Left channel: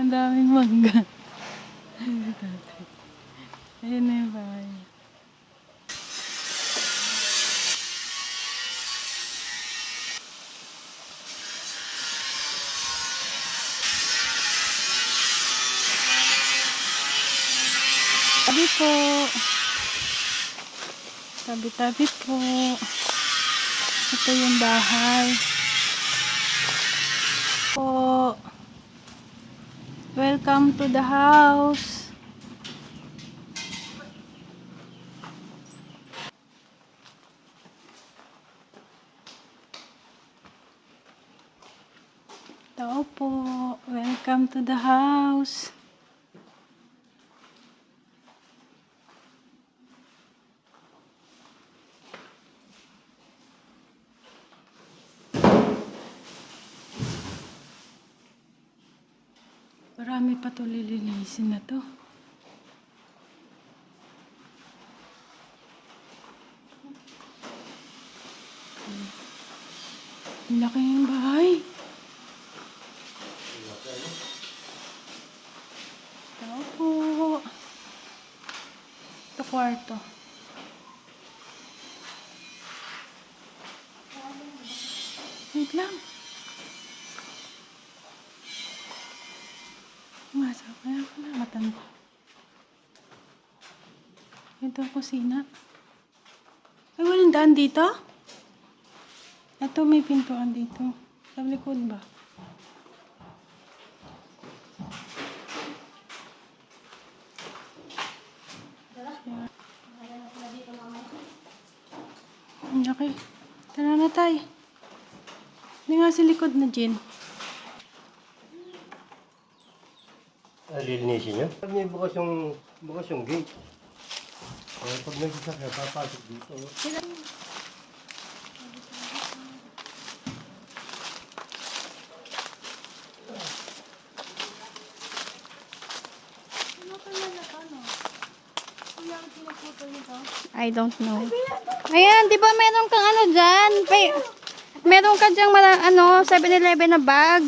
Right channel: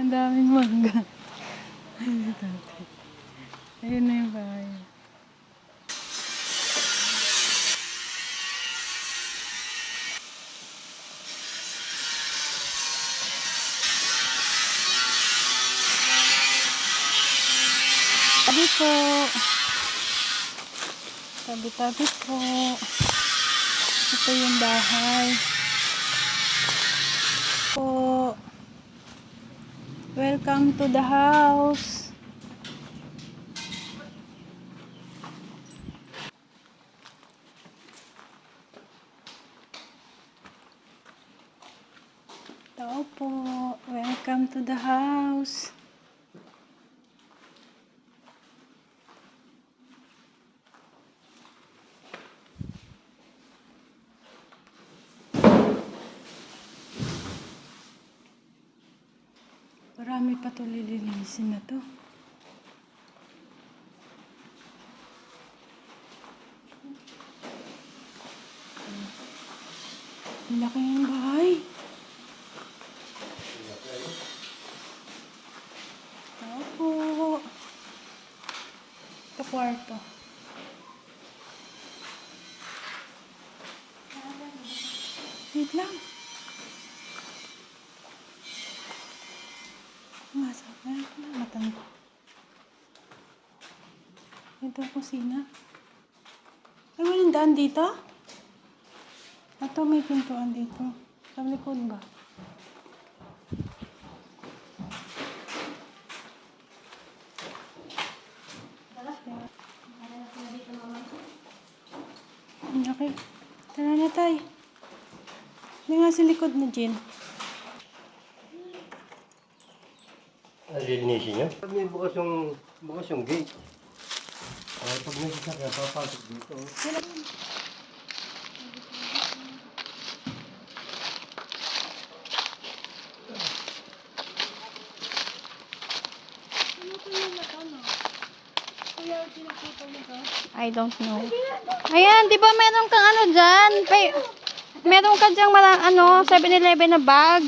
Ang daming mangga. Ayun na yung bahay. Tabi po. Tabi-tabi po. Ito yung bahay. Po. Welcome to the house. Tao po. Welcome to the house. Marami pa ito lilinisin na to. Ang laki ng bahay. Ito po. Ito kwarto. Wait lang. Masok na yung matan ko. Ito kusina. Ay, walang daan dito? Ito may pintuan dito. Sa likod ba? Okay. Tara na tayo. Hindi nga sa likod na, Jean. Lilinisin niya? Pag may bukas yung gate. Pag may sasakyan, papasok dito. I don't know. Ayan, di ba meron kang ano dyan? Meron ka dyang 7-Eleven na bag.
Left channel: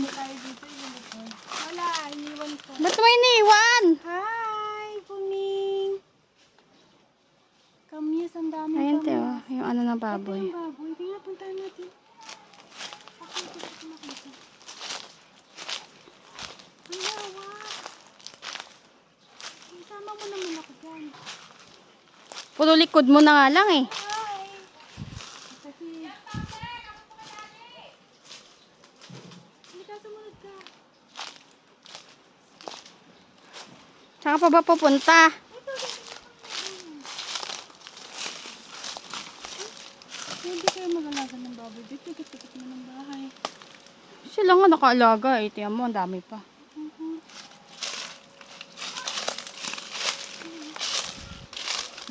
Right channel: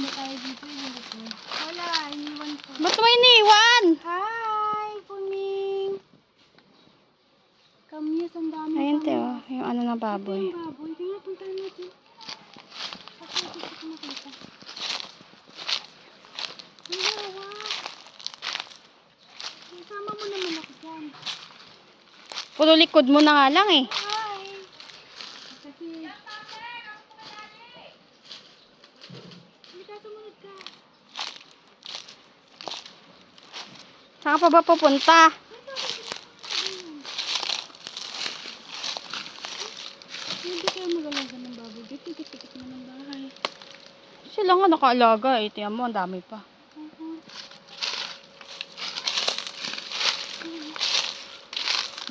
Wala, iniwan ko. Ba't mo iniwan? Hi, Puning. Kamyas, ang dami. Ayan, Teo. Yung ano na baboy. Yung baboy. Tingnan, puntahan natin. Ako, gusto ko nakita. Ang lawak. Isama mo naman ako dyan. Puro likod mo na nga lang eh. Hi. Kasi... Hindi ka, sumunod ka. Saan ka pa ba pupunta? Hindi kayo mag-alaga ng baboy. Dito, dito mo ng bahay. Sila nga nakaalaga eh. Tiyan mo, ang dami pa.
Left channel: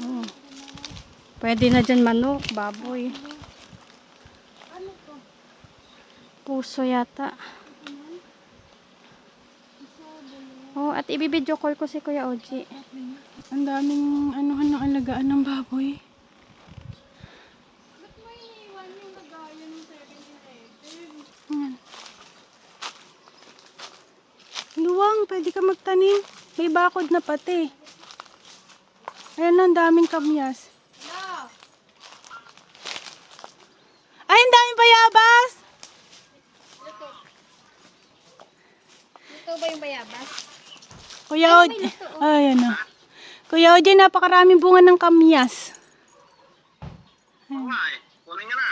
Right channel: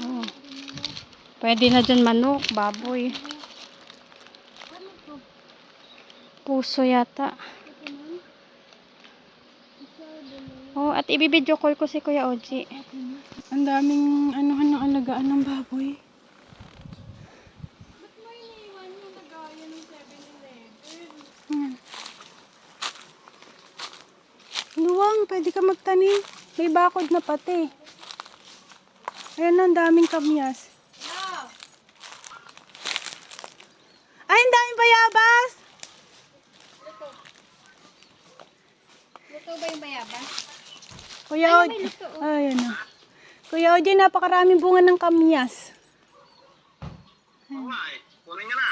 Oh. Pwede na dyan manok, baboy. Ano to? Puso yata. Oh, at ibibidyo call ko si Kuya Oji. Ang daming anuhan ng alagaan ng baboy. Ba't mo iniwan yung lagayan ng 7-Eleven? Ayan. Luwang, pwede ka magtanim. May bakod na pati. Ayan, ang daming kamyas. Ay, ang daming bayabas! Ito ba yung bayabas? Kuya Oji. Ayan na. Kuya Oji, napakaraming bunga ng kamyas. Oo nga eh. Kunin niya na.